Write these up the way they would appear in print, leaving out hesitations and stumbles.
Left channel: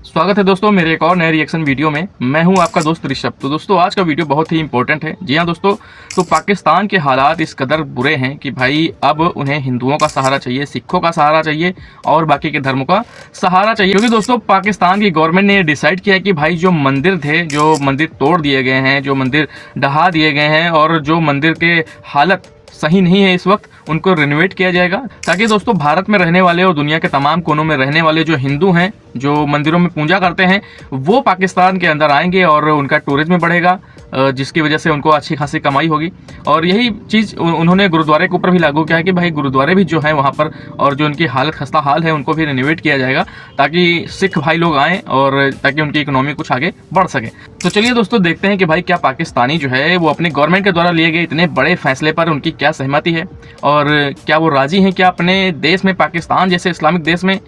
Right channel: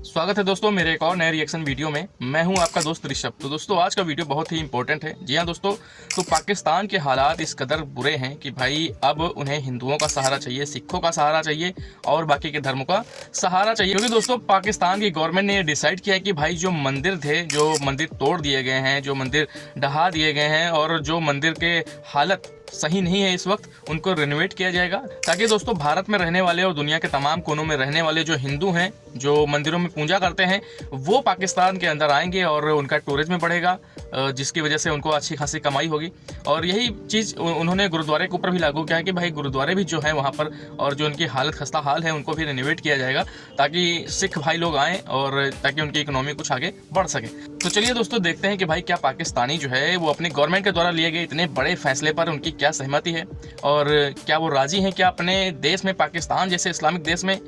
स्वागत है दोस्तों मेरे एक और नए रिएक्शन वीडियो में। मैं हूं आपका दोस्त ऋषभ। तो दोस्तों आज का वीडियो बहुत ही इंपॉर्टेंट है। जी हां दोस्तों, तो पाकिस्तान के हालात इस कदर बुरे हैं कि भाई अब उन्हें हिंदुओं का सहारा चाहिए, सिखों का सहारा चाहिए और बाकी के धर्मों का सहारा चाहिए। क्योंकि दोस्तों पाकिस्तान की गवर्नमेंट ने डिसाइड किया है कि भाई जो मंदिर थे, जो मंदिर तोड़ दिए गए हैं, जो मंदिर ढहा दिए गए हैं और जो मंदिर के हालत सही नहीं है इस वक्त, उनको रिनोवेट किया जाएगा ताकि दोस्तों भारत में रहने वाले और दुनिया के तमाम कोनों में रहने वाले जो हिंदू हैं, जो मंदिरों में पूजा करते हैं, वो पाकिस्तान के अंदर आएंगे और उनका टूरिज्म बढ़ेगा, जिसकी वजह से उनको अच्छी खासी कमाई होगी। और यही चीज़ उन्होंने गुरुद्वारे के ऊपर भी लागू किया है कि भाई गुरुद्वारे भी जो है वहाँ पर और जो उनकी हालत खस्ता हाल है उनको भी रिनोवेट किया जाएगा ताकि सिख भाई लोग आएँ और ताकि उनकी इकोनॉमी कुछ आगे बढ़ सके। तो चलिए दोस्तों देखते हैं कि भाई क्या पाकिस्तानी जो है वो अपनी गवर्नमेंट के द्वारा लिए गए इतने बड़े फैसले पर उनकी क्या सहमति है और क्या वो राजी हैं, क्या अपने देश में, पाकिस्तान जैसे इस्लामिक देश में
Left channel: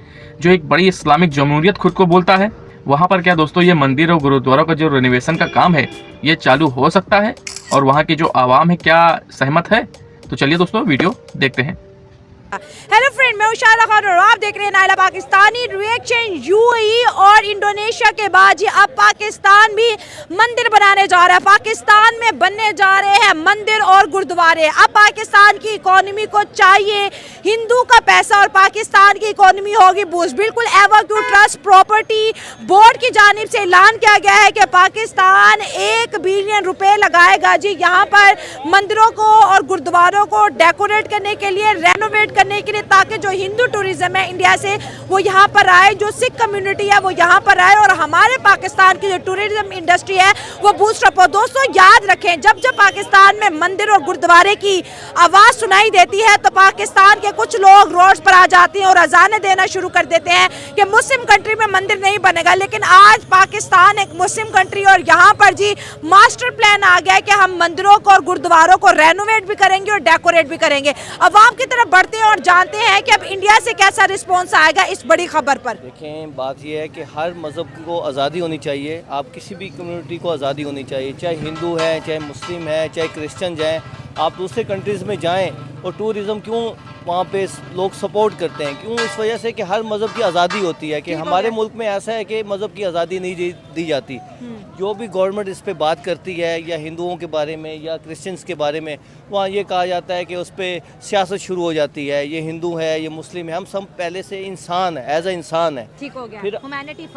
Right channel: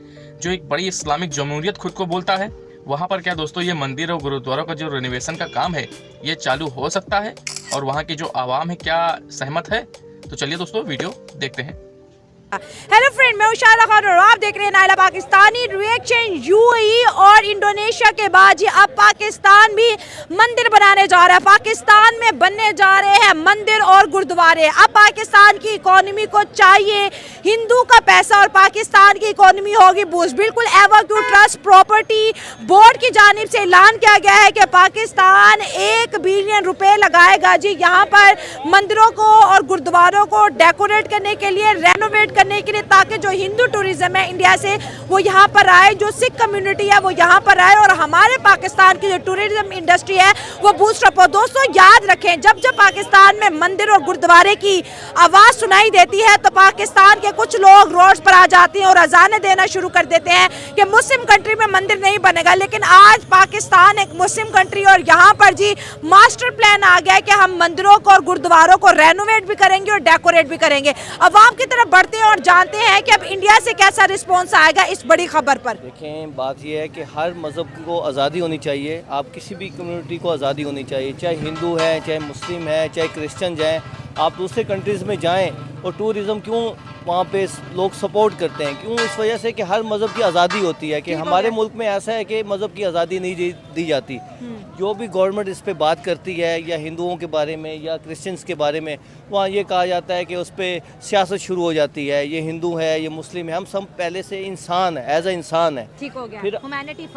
जो एक बड़ी इस्लामिक जमहूरियत खुद को बोलता है, वहाँ पर क्या दोस्तों ये मंदिर और गुरुद्वारों का जो रिनोवेशन का काम है ये चालू हो सकता है और वहाँ की जो आवाम है क्या सहमत है। तो चलिए दोस्तों वीडियो देखते हैं। हेलो फ्रेंड, मैं उशारा खान और आप देख रहे हैं नायला पाकिस्तानी रिएक्शन। यूएई और इंडोनेशिया के बाद जी अब पाकिस्तान भी मंदिर बनाने जा रहा है। पाकिस्तान में बनने जा रहे हैं मंदिर और गुरुद्वारे। अब पाकिस्तान की इकोनॉमी को चाहिए हिंदू का पैसा और पाकिस्तान की इकोनॉमी होगी बूस्ट। बिल्कुल एवाक्यू ट्रस्ट प्रॉपर्टी बोर्ड की जानिब से ऐलान किया गया है कि पाकिस्तान 1 बिलियन रुपए लगाएगा जी यहाँ पर मंदिरों को और गुरुद्वारों को डेकोरेट करने के लिए, रेनोवेट करने के लिए, ताकि जो हिंदू टूरिज्म है इंडिया से वो यहाँ पर आए, जो सिख कम्युनिटी है वो यहाँ पर आए और हमारे पाकिस्तान की जो टूरिज्म इंडस्ट्री है वो बूस्ट अप हो। दोस्तों याद रखें, जब जब पाकिस्तान में मंदिर और गुरुद्वारे की आवाज सुनाई देती है तो पाकिस्तान के कुछ लोग रोड पर आ जाते हैं और अजानें देना शुरू कर देते हैं कि मुस्लिम कंट्री में मंदिर नहीं बनेगा। लेकिन आज पाकिस्तान एक मुस्लिम कंट्री और यहाँ पर जी मास्टर प्लान आ गया है कि हम मंदिरों को और गुरुद्वारों को रेनोवेट भी करेंगे और डेकोरेट भी करेंगे। अवाम की तरफ बढ़ते हैं और जानते हैं कि अब इंडिया से कैसा रिस्पॉन्स आएगा इस बड़ी खबर पर। देखें, बात यह है कि हर मज़हब को आज़ादी होनी चाहिए। आप किसी भी कम्युनिटी को आज़ादी होनी चाहिए, चाहे हिंदू है, चाहे मुस्लिम है, चाहे क्रिश्चियन हैं। आप दूसरे कंट्रीज़ में जाएं और टूरिज़्म क्यों वहाँ पे लोग सपोर्ट करते हैं? क्यों? इस वजह से कि हर मज़हब की आज़ादी होती है। कि हमारे मुल्क में ऐसा है कि मज़हब की आज़ादी नहीं दी जाती। जो भी गवर्नमेंट इस पे बात करती है या हिंदुओं के बारे में या क्रिश्चियंस के बारे में, वहाँ ये कहा जाता है कि उस पर सियासत शुरू हो जाती है। ये हिंदू है, ये मुस्लिम है, हम सब पहले से इंसान है, एज ए इंसान है। ठीक हो गया। फिर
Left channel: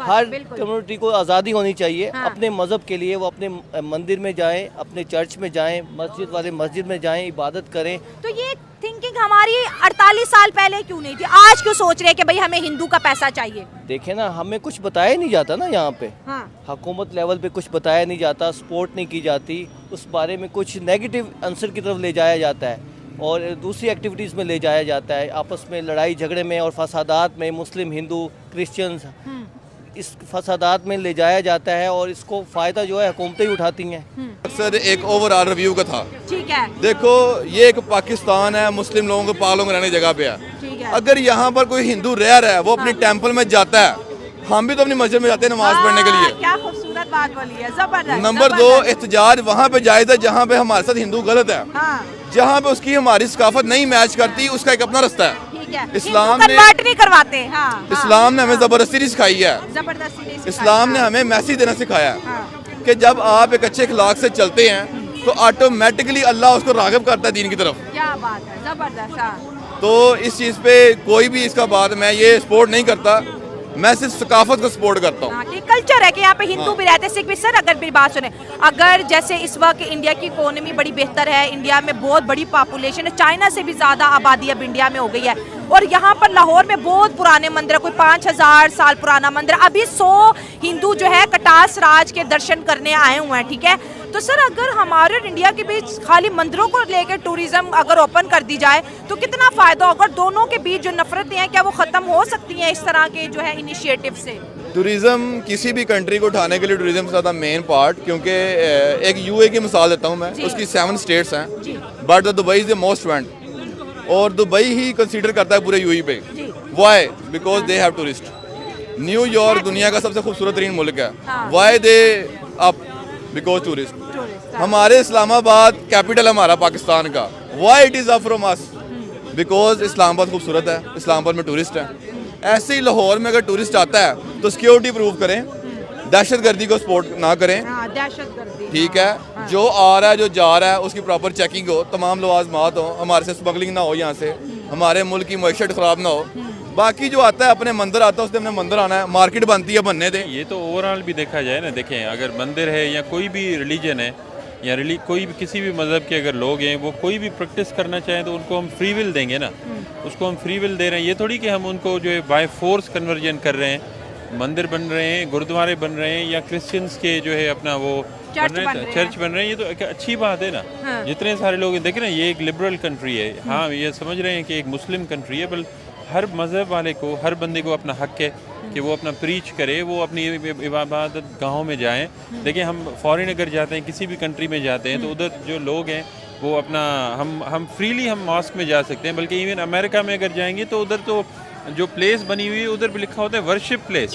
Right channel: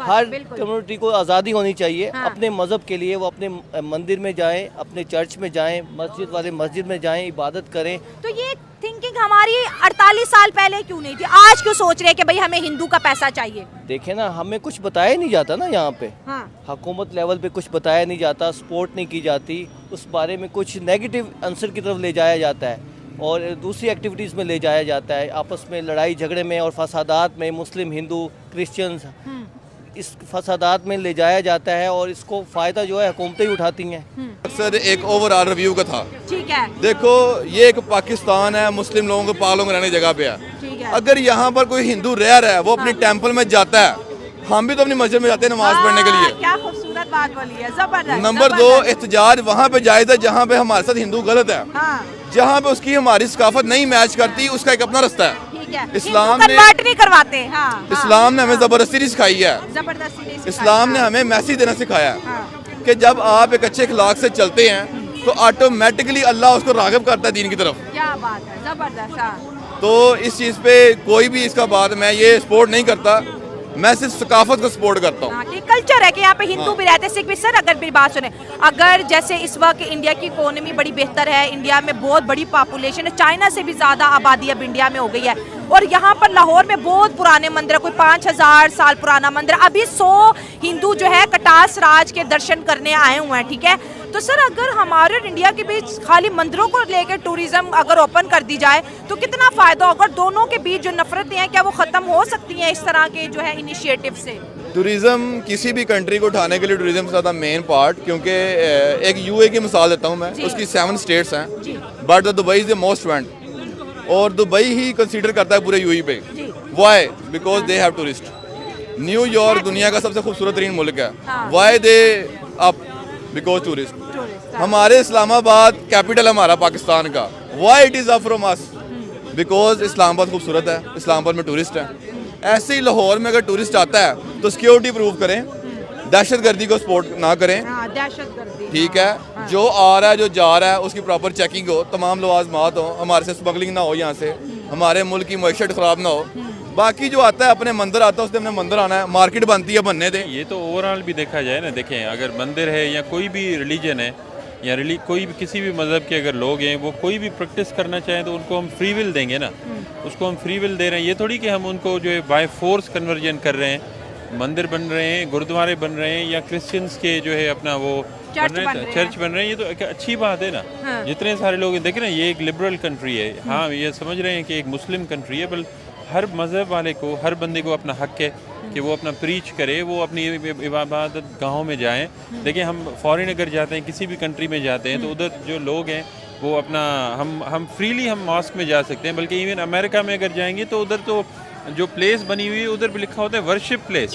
हर कम्युनिटी को आज़ादी होनी चाहिए। हाँ। अपने मज़हब के लिए वो अपने मंदिर में जाएँ, अपने चर्च में जाएँ, मस्जिद वाले मस्जिद में जाएँ, इबादत करें। तो ये थिंकिंग हमारी 48 साल पहले क्यों नहीं थी? आज क्यों सोच रहे हैं कि भाई हमें हिंदू का पैसा चाहिए? देखे ना, हमें कुछ बताया नहीं जाता ना यहाँ पे। हाँ। हुकूमत लेवल पे कुछ बताया नहीं जाता, सपोर्ट नहीं की जाती, उस बारे में कुछ नेगेटिव आंसर की तरफ ले जाया जाता है और दूसरी एक्टिविटीज़ में ले जाया जाता है। आपस में लड़ाई झगड़े में और फसादात में मुस्लिम, हिंदू, क्रिश्चियंस इस फसादात में ले जाया जाता है और इसको फ़ायदा जो है हुकूमतें ही उठाती हैं। अक्सर एक ओवरऑल रिव्यू का था। ठीक है। देखो, ये एक पाकिस्तान है, मुस्लिम लोगों के पागलों में रहने जगह पे है। ठीक है। अगर यहाँ पर कोई हिंदू रह रहा है, वो अपने टेंपल में जाता है, हम भी तो अपनी मस्जिद में जाते हैं नमाज पढ़ने के लिए। क्या खूबसूरत बात बोली है, जबरदस्त। नंबर 2, एहतजाज वहाँ पे जायज़ है जहाँ पे हमारे साथ हिंदू गलत है। जहाँ पे उसकी हमारी सकाफत नहीं मैच करती, उसका एक अपना रास्ता है। इस्लाम ने नहीं करवाते। हाँ। इस्लाम ने हमें जबरदस्ती नहीं सिखाई है। इस्लाम ने हमें मैसेज देना सिखाया है कि जब आप एक अच्छे अखलाक से चलते हैं तो ऑटोमेटिकली अल्लाह उसको राग़िब करता है दीन की तरफ। क्या बात है, जबरदस्त। तो इस चीज़ पे कोई भी इसका बात मैं ये सपोर्ट नहीं करता, मैं सिर्फ सकाफत को सपोर्ट करता हूँ। कि कल्चर है कि यहाँ पे हिंदू भी रहते हैं, सिख भी। सर अगर मेरी बात सुने, अगर जैसे इस वक्त इंडिया की इकोनॉमी बड़ी बेहतर है, इंडिया में बहुत बड़ी पॉपुलेशन है, चाइना से भी ज़्यादा आबादी अब इंडिया में हो गई है और यहाँ पर लाहौर में बहुत पुराने मंदिर है, कोई 5000 साल पुराना मंदिर। अभी 100 हिंदू जो है कटास राज के दर्शन करने आए हुए हैं। ठीक है, तो सर अगर हमारे और इंडिया के बीच खाली मंदिरों को लेकर टूरिज्म अगर ओपन कर दी जाए तो कितना फायदा होगा? दोनों के बीच जो नफरतें हैं क्या वो खत्म हो सकती हैं इस तरह के जो है इनिशिएटिव से? टूरिज्म किसी भी कंट्री को उठाने के लिए टूरिज्म ज़्यादा मेन पार्ट, क्योंकि एक यूए की मिसाल देता हूँ मैं, उसकी 7 स्टेट्स हैं, but the Dubai is the most went और दुबई ही कंसीडर करता है पूरे यूएई पे। Y? Because they have tourist. New York दुनिया का सबसे खूबसूरत तरीन मुल्क है। Why they up? Because tourist. हमारे इस्लामाबाद कैपिटल हमारा पाकिस्तान का, why it is up from us? Because Islamabad खूबसूरत है, इस्लामाबाद में टूरिस्ट है। ऐसे ही लाहौर में अगर टूरिस्ट आता है तो सिक्योरिटी प्रूव करें, दहशतगर्दी को सपोर्ट ना करें, दहशतगर्दी, ठीक है। जो आ रहा है जो जा रहा है उसकी प्रॉपर चेकिंग हो, तमाम लवाजमात हो, हमारे से स्मगलिंग ना हो, यहाँ से हमारे मुल्क की मईशत ख़राब ना हो। बाकी जो आता है अपने मंदिर आता है उसने अपने मंदिर आना है, मार्केट बनती है बनने दें। ये तो ओवरऑल भी देखा जाए ना, देखें अगर मंदिर है या कोई भी रिलीजन है या कोई भी किसी भी मज़हब के अगर लोग हैं वो कोई भी प्रैक्टिस करना चाहें तो उनको हम फ्री विल देंगे ना, उसको हम फ्री विल दे रहे हैं। ये थोड़ी कि हम उनको जो है बाय फोर्स कन्वर्जन कर रहे हैं। मंदिर बन रहे हैं, गुरुद्वारे बन रहे हैं या क्रिश्चियंस के जो है अपना वो चर्च बन रहे हैं, ये तो एक अच्छी बात है ना। हाँ। जितने सारे लोग देख रहे हैं ये एक लिबरल कंट्री है, हाँ ये समझ रहे हैं कि एक मुस्लिम कंट्री है, बल्कि हर मज़हब वाले को, हर बंदे को अपना हक है कि वो अपना प्रीच करे, वो अपनी इबादत गाहों में जाएं। देखिए हम फॉरेन अगर जाते हैं, किसी भी कंट्री में जाते हैं तो उधर जो लोग हैं वो अपना हम फ्रीली हम मॉस्क में जा सकते हैं। बल्कि इवन अमेरिका में अगर जाएंगे तो उधर तो जो प्लेस बनी हुई है उधर भी लिखा होता है वर्शिप प्लेस,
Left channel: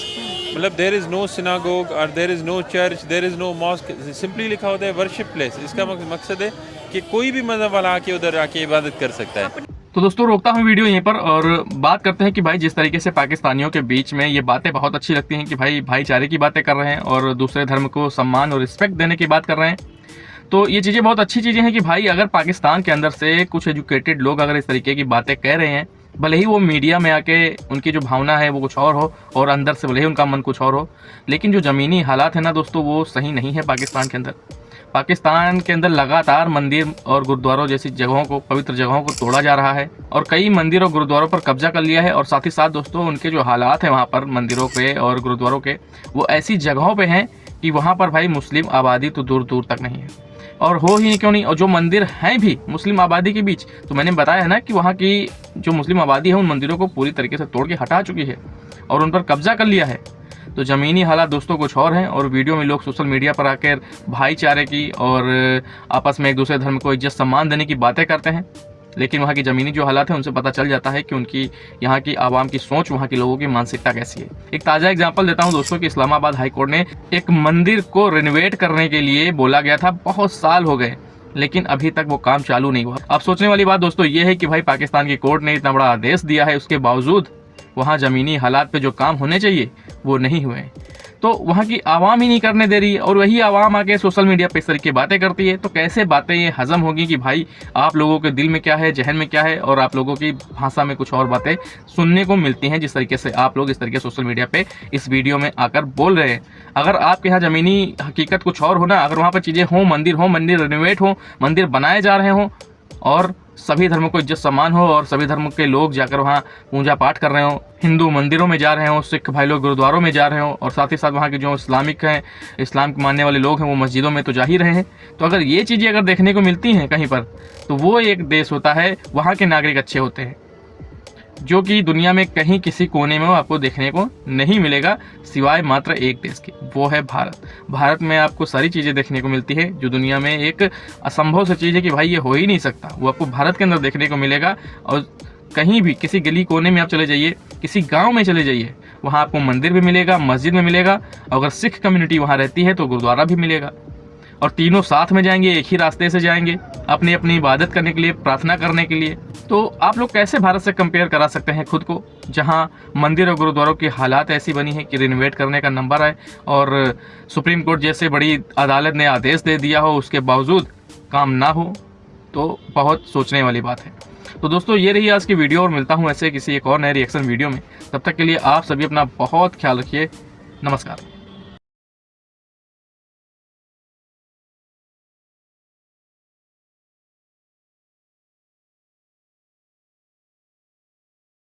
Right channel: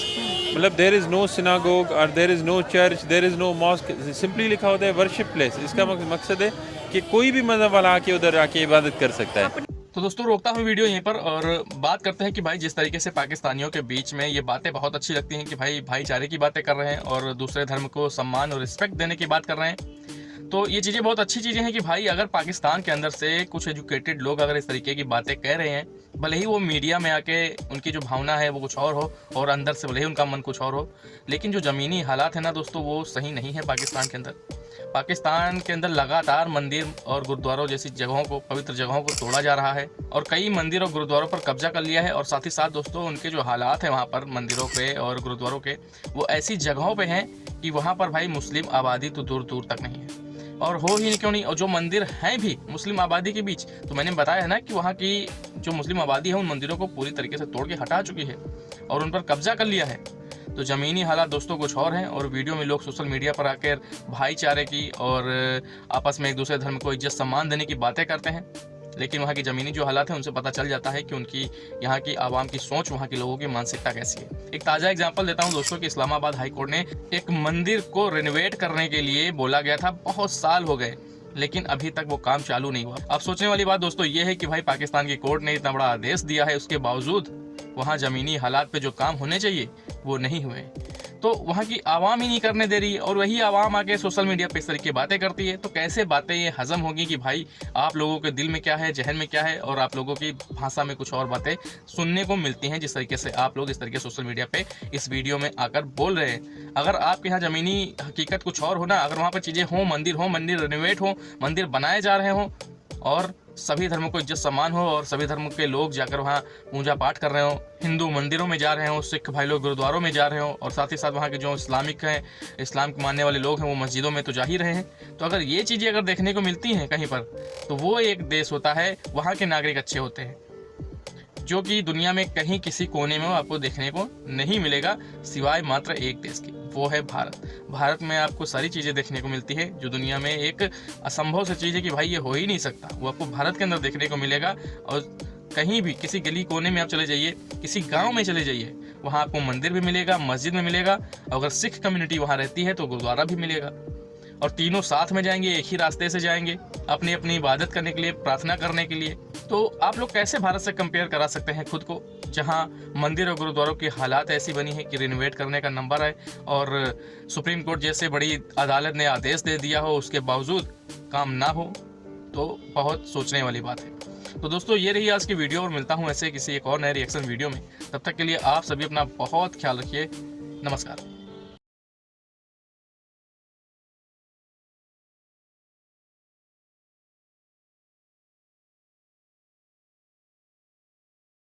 मतलब देयर इज़ नो सिनागोग और there is no church, there is no mosque, simply लिखा होता है वर्शिप प्लेस। इसका मकसद है कि कोई भी मज़हब वाला आके उधर आके इबादत कर सकता है। तो दोस्तों रोकता हूँ वीडियो यहीं पर और बात करते हैं कि भाई जिस तरीके से पाकिस्तानियों के बीच में ये बातें बहुत अच्छी लगती हैं कि भाई भाईचारे की बातें कर रहे हैं और दूसरे धर्म को सम्मान और रिस्पेक्ट देने की बात कर रहे हैं, तो ये चीज़ें बहुत अच्छी चीज़ें हैं कि भाई अगर पाकिस्तान के अंदर से कुछ एजुकेटेड लोग अगर इस तरीके की बातें कह रहे हैं, भले ही वो मीडिया में आके उनकी जो भावना है वो कुछ और हो और अंदर से भले ही उनका मन कुछ और हो, लेकिन जो ज़मीनी हालात है ना दोस्तों वो सही नहीं है पाकिस्तान के अंदर। पाकिस्तान के अंदर लगातार मंदिर और गुरुद्वारों जैसी जगहों को, पवित्र जगहों को तोड़ा जा रहा है और कई मंदिर और गुरुद्वारों पर कब्जा कर लिया है। और साथ ही साथ दोस्तों उनके जो हालात हैं वहाँ पर मंदिरों पे और गुरुद्वारों के, वो ऐसी जगहों पे हैं कि वहाँ पर भाई मुस्लिम आबादी तो दूर दूर तक नहीं है और हो ही क्यों नहीं। और जो मंदिर हैं भी मुस्लिम आबादी के बीच, तो मैंने बताया है ना कि वहाँ की जो मुस्लिम आबादी है उन मंदिरों को पूरी तरीके से तोड़ के हटा चुकी है और उन पर कब्जा कर लिया है। तो ज़मीनी हालात दोस्तों कुछ और हैं और वीडियो में लोग सोशल मीडिया पर आकर भाईचारे की और आपस में एक दूसरे धर्म को इज्जत सम्मान देने की बातें करते हैं, लेकिन वहाँ की ज़मीनी जो हालात हैं उनसे पता चल जाता है कि उनकी यहाँ की आवाम की सोच, वहाँ के लोगों की मानसिकता कैसी है। एक ताज़ा एग्जांपल देता हूँ दोस्तों कि इस्लामाबाद हाई कोर्ट ने एक मंदिर को रिनोवेट करने के लिए बोला गया था, बहुत साल हो गए लेकिन अभी तक वो काम चालू नहीं हुआ। अब सोचने वाली बात दोस्तों ये है कि भाई पाकिस्तान की कोर्ट ने इतना बड़ा आदेश दिया है, उसके बावजूद वहाँ ज़मीनी हालात पे जो काम होने चाहिए वो नहीं हुए, तो वहाँ की आवाम ही नहीं करने दे रही है और वही आवाम आके सोशल मीडिया पे इस तरह की बातें करती है। तो कैसे बातें ये हजम होगी कि भाई आप लोगों के दिल में क्या है, जहन में क्या है, और आप लोगों की भाषा में कुछ और बातें सुनने को मिलती हैं जिस तरीके से आप लोग इस तरीके सोशल मीडिया पे इस वीडियो में आकर बोल रहे हैं। अगर आपके यहाँ ज़मीनी हकीकत कुछ और हो ना, अगर वहाँ पर चीज़ें हों, मंदिर रिनोवेट हो, मंदिर बनाए जा रहे हों और सभी धर्मों को इज्जत सम्मान हो और सभी धर्म के लोग जाकर वहाँ पूजा पाठ कर रहे हो, हिंदू मंदिरों में जा रहे हो, सिख भाई लोग गुरुद्वारों में जा रहे हो और साथ ही साथ वहाँ के जो इस्लामिक हैं, इस्लाम के मानने वाले लोग हैं वो मस्जिदों में तो जा ही रहे हैं, तो अगर ये चीज़ें अगर देखने को मिलती हैं कहीं पर, तो वो एक देश होता है, वहाँ के नागरिक अच्छे होते हैं, जो कि दुनिया में कहीं किसी कोने में आपको देखने को नहीं मिलेगा सिवाय मात्र एक देश के, वो है भारत। भारत में आपको सारी चीज़ें देखने को मिलती है जो दुनिया में एक असंभव सी चीज़ है कि भाई ये हो ही नहीं सकता, वो आपको भारत के अंदर देखने को मिलेगा। और कहीं भी किसी गली कोने में आप चले जाइए, किसी गांव में चले जाइए, वहाँ आपको मंदिर भी मिलेगा, मस्जिद में मिलेगा, अगर सिख कम्युनिटी वहाँ रहती है तो गुरुद्वारा भी मिलेगा, और तीनों साथ में जाएंगे, एक ही रास्ते से जाएंगे अपनी अपनी इबादत करने के लिए, प्रार्थना करने के लिए। तो आप लोग कैसे भारत से कंपेयर करा सकते हैं खुद को, जहां मंदिर और गुरुद्वारों की हालात ऐसी बनी है कि रिनोवेट करने का नंबर है और सुप्रीम कोर्ट जैसे बड़ी अदालत ने आदेश दे दिया हो, उसके बावजूद काम ना हो, तो बहुत सोचने वाली बात है। तो दोस्तों ये रही आज की वीडियो और मिलता हूँ ऐसे किसी एक और नए रिएक्शन वीडियो में। तब तक के लिए आप सभी अपना बहुत ख्याल रखिए। नमस्कार।